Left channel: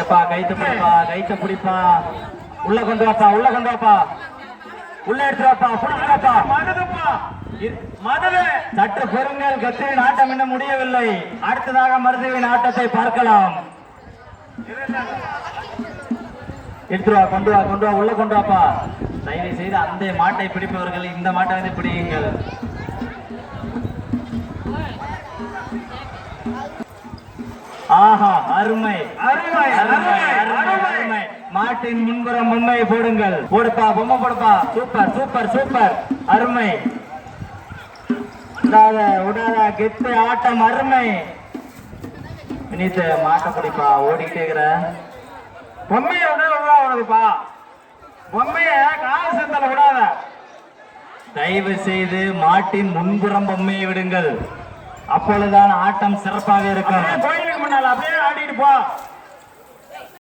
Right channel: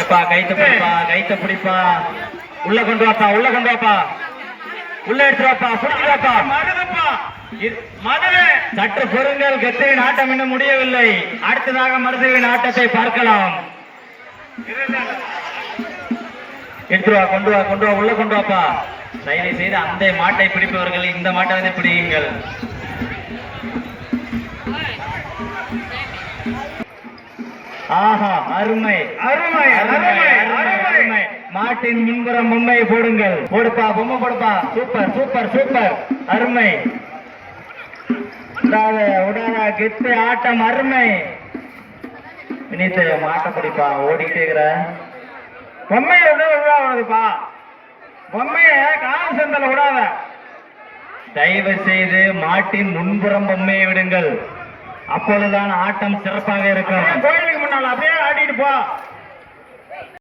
எப்பா கைத்த பிடிப்பா, கைத்த பிடிப்பா. உள்ள கொண்டு வாப்பா, உள்ள கொண்டு வாப்பா, உள்ள எடுத்து வாப்பா, புடிச்சு வாப்பா. சற்று பொருங்கள், கத்திரின் ஆட்டம் இன்னும் முடியவில்லை. அடுத்ததாக மருதுவின் ஆட்டத்தை பார்க்கலாம். எடுத்துருவா, கொண்டு வா, கொண்டு வா, உள்ள கொண்டு வாப்பா. தயவு செய்து அந்த மாட்டை பிடிப்பவர்கள் இந்த மாட்டை வந்து பிடியுங்கள். ஆஹா, அருமை அருமை அருமை அருமை. மாட்டின் முன்புறம் பொம்மையை போடுங்கள். போடுப்பா, பொம்மை போடுப்பா. சூப்பர் சூப்பர் சூப்பர், அருமை. உடாதா கெத்து ஆட்டம், அருமை. வினித்த மாட்ட பிடிப்பா, ஓடிட்டே இருக்கிற பொம்மைய விடுப்பா. பொம்மைய கால சந்தல விடாத. தயவு செய்து மாட்டின் முன்புறம் பொம்மையை விடுங்கள். அப்பொழுதுதான் ஆட்டம் சிறப்பாக இருக்கும். கோயிலுக்கு முன்னால் அப்படியே ஆடிட்டு போ.